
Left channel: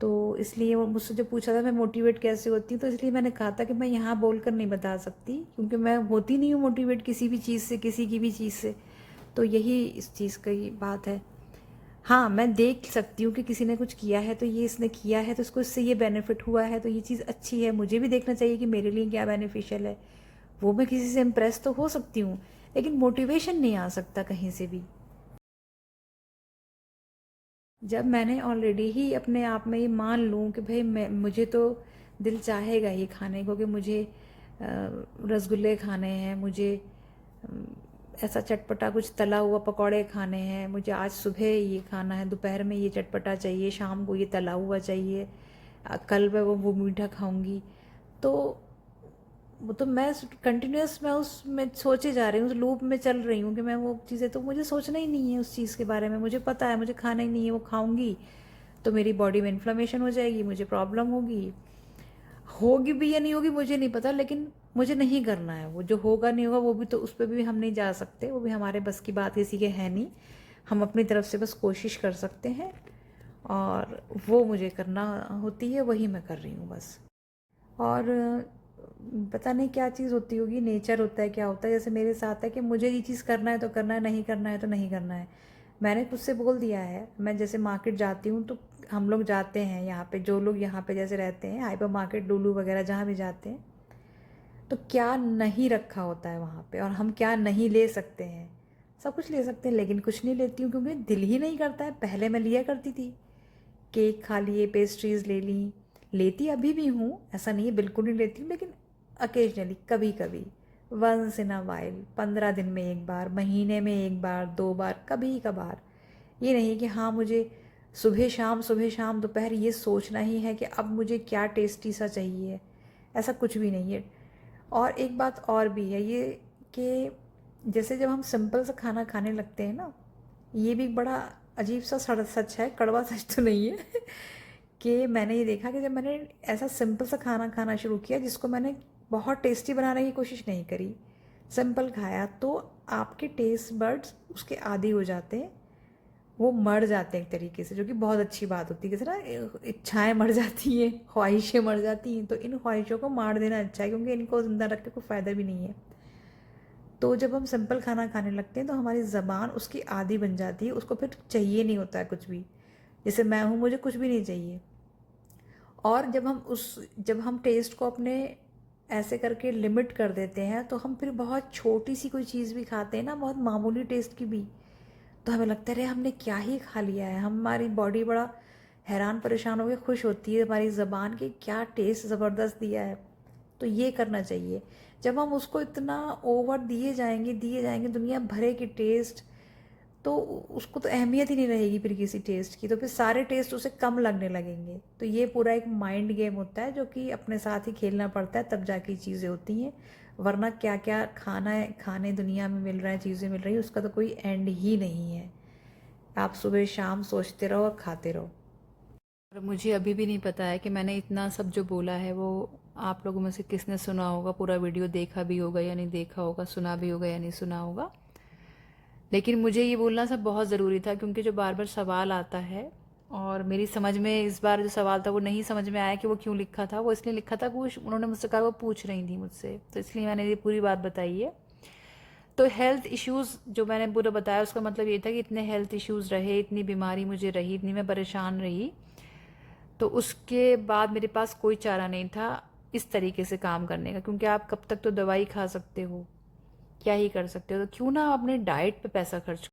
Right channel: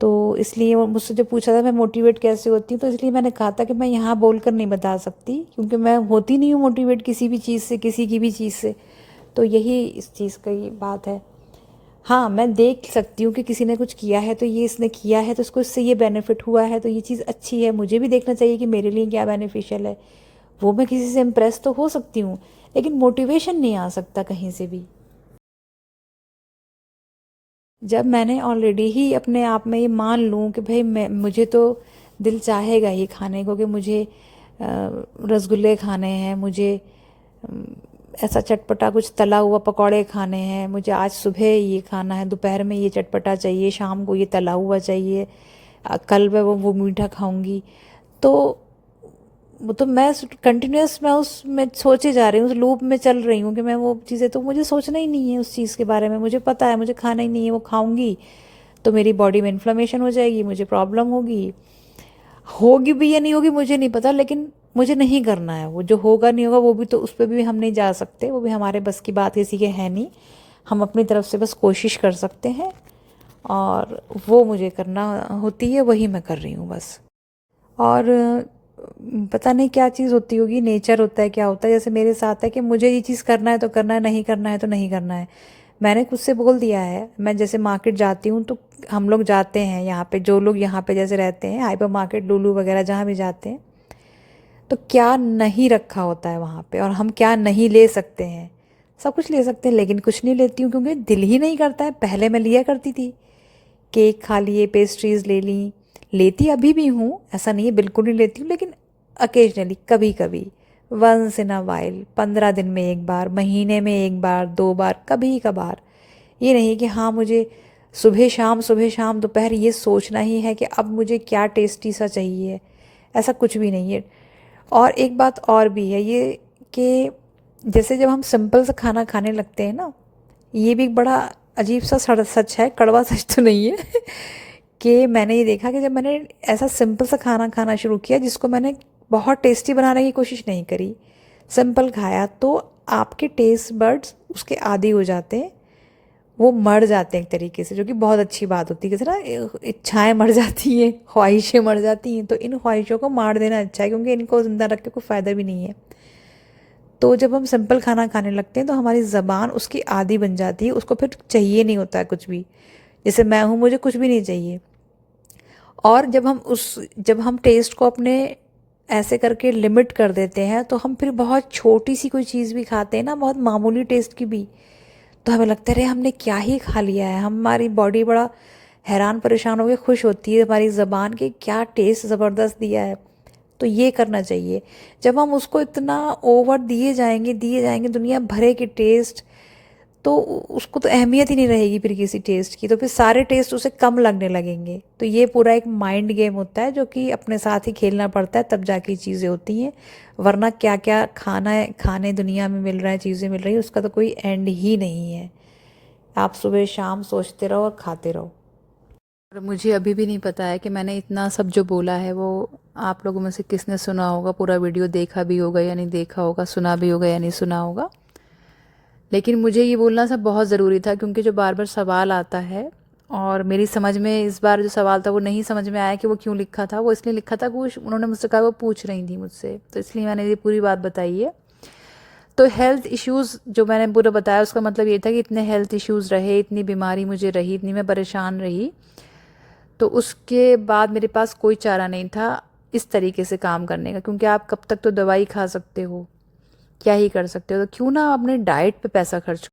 तो इसलिए वो मुझसे जो पूछा था मैं मोटिवेट कैसे होती हूँ, तो इसलिए मैंने कहा था कि मैं यहाँ बोलकर नहीं बता सकती, क्योंकि मैं होती नहीं हूँ मोटिवेट किसी भी चीज़ से, किसी की भी चीज़ से। तो यही इस चीज़ की बात है। हाँ, मैं देख सकती हूँ कि किसी ने कुछ किया है, तो ये इसने किया है तो उसको इससे ये बेनिफिट हुआ है, तो ये चीज़ अच्छी है, मुझे भी देखना चाहिए कि मेरे लिए क्या बेनिफिशियल है। वो मैं किसी से इम्प्रेस तो हो सकती हूँ, लेकिन मोटिवेशन नहीं आ सकता कहीं से भी। जब मैंने ऑलरेडी ही अपने आप में ये मान लूँ कि भाई मुझे तो दिल चाहेगा ये खाने को, कि मुझे रसगुल्ले खाने हैं, मुझे ऐसा चटपटा कुछ तला हुआ पकौड़े खाने हैं, मुझे आज सुबह ये खाना है, दोपहर में ये चटपटा चाहिए, शाम को ये तला हुआ चाहिए, कल मैं वो मीठा खाऊंगी। तो वो तो मैं कंटिन्यूस, मैं उसमें सोचे जा रही हूँ, उस लूप में चल रही हूँ कि मैं वो चीज़ें, तो मुझे सोचना ही नहीं है उस चीज़ के बारे में। मुझे पता है मुझे खाना ही नहीं है, वो खाऊंगी तो मेरी बॉडी में इन्फ्लेमेशन हो जाएगी, मुझे प्रॉब्लम होगी, होगी भी या नहीं होगी मुझे नहीं पता, लेकिन मुझे नहीं करना है। वो जो होगा नहीं होगा वो भी तो उस पर भी हम नहीं जा सकते, वो भी हमारे बस की बात किसी के है नहीं। हम अपनी तरफ से बस कोशिश कर सकते हैं और वो मुझे करना होती है, वही मैं कर रही हूँ बस। और पता नहीं क्या चीज़ होती होगी, नेचर होता है क्या होता है, जैसे मेरे साथ है कि मुझे ये चीज़ करना है तो करना है, नहीं करना है तो नहीं करना है। मैंने खुद से बोल दिया है, मैं जैसे मार्केट जाती हूँ तो हम लोग जाते हैं यहाँ पे, जो लोग यहाँ पे जैसे रहते हैं हाइपर मार्केट लुलु वगैरह जहाँ भी जाते हैं, तो क्या नहीं रखा होता है वहाँ पे और हम क्या नहीं ले सकते हैं। सब कुछ ले सकते हैं लेकिन कुछ नहीं लेती हूँ क्योंकि दिल ही नहीं करता है। पहले मैं लिया करती थी, केक खा लिए, पेस्ट्रीज़ ले ली, लेती अभी भी हूँ, ऐसा नहीं है बिल्कुल नहीं लेती हूँ, लेकिन अकेजनली कभी कभी, वंस इन अ वाइल, 15 दिन में एक बार, महीने में एक बार, 2 बार, कभी कभार। ये नहीं कि हाँ मुझे सुबह शाम दोपहर ये सोचना ही है कि अब मुझे क्या टेस्टी सा चाहिए, ऐसा कुछ भी नहीं है। और एक बात और भी है ये कि जैसे जब हम सिंपल सा खाना खाने लगते हैं ना, ये भी एक बड़ा अजीब सा सच है, कड़वा सच तो नहीं है कि मैंने ये देखा कि जब मैंने ऐसा सिंपल सा खाना खाना शुरू किया जिसको मैंने बहुत टेस्टी बनाने की कोशिश नहीं करी, सिंपल खाया, तो आपके टेस्ट बड्स उसके आदी हो जाते हैं, वो मर जाते हैं एक तरीके से, जो कि बहुत अच्छी बात होती है। जैसे ना इच्छाएं मर जाती हैं, ख्वाहिशें मर जाती हैं, तो इन ख्वाहिशों को मार देना अच्छा है क्योंकि इनको ज़िंदा रख के कोई फ़ायदा भी नहीं है। तो जब हम सिंपल खाना खाने लगते हैं तो हमारी ज़बान उसकी आदी बन जाती है, उसको फिर चाहिए नहीं होता है कुछ भी। जैसे मैं हूँ, मुझे कुछ भी नहीं चाहिए। और जब हम टेस्ट को अपने ऐसे करके लिमिट कर देते हैं तो हम फिर बहुत छोटी सी कोई चीज़ भी खाते हैं ना, बहुत मामूली टेस्ट की भी, तो हमें लगता है अरे हमने क्या ही खा लिया है। हमारी बॉडी बड़ा हैरान परेशान होकर खुश होती है हमारी ज़बान के क्या टेस्ट ज़बरदस्त दिया है। तो ये करना चाहिए। जब हम उसको इतना ओवर दिए जाएंगे दुनिया भरे के टेस्ट, तो उसको तो अहमियत ही नहीं रहेगी फिर किसी टेस्ट की, तो फिर सारे टेस्ट उसे कम लगने लगेंगे। तो ये पूरा एक माइंड गेम होता है जो कि अपने साथ ही खेलना पड़ता है, तब जाके चीज़ें होती हैं। वरना क्या क्या खाना है, खाने दुनिया में मिल रहा है, चीज़ें मिल रही हैं, उसका तो कोई एंड ही नहीं है। आप सुबह शाम सोचते रहो और खाते रहो। और मुझे अभी भी नहीं पता है कि मैंने इतना सब जो बोला है वो आप लोगों में से किसने सुना होगा, पूरा वीडियो देखा भी होगा या नहीं देखा होगा, सुना भी होगा या नहीं सुना होगा। लेकिन मुझे ये बोलना सब बहुत ज़रूरी था क्योंकि जो बार बार सवाल आता है, और मेरी समझ में इस बार जो सवाल था वो नहीं समझ में आया कि वो क्यों लिखा था। वो इसलिए लिखा था कि उन्होंने मुझसे कहा वो पूछ रही थी मुझसे, तो इसलिए मैंने ये पूरी बात बताई है। तो हेल्थ इश्यूज़ जो मैंने पूरा बताया उसका मतलब ये था कि इतने हेल्थ इश्यूज़ रहे, इतनी बीमारी मुझे रही, इतनी मैं परेशान रही, तो उसके बाद मेरे पास कोई चारा नहीं था इस तरीके से काम करने का, क्योंकि आप कब तक तो दवाई खा सकते हो, क्या ही कर सकते हो, तो क्यों ना अपने डाइट पे पैसा खर्च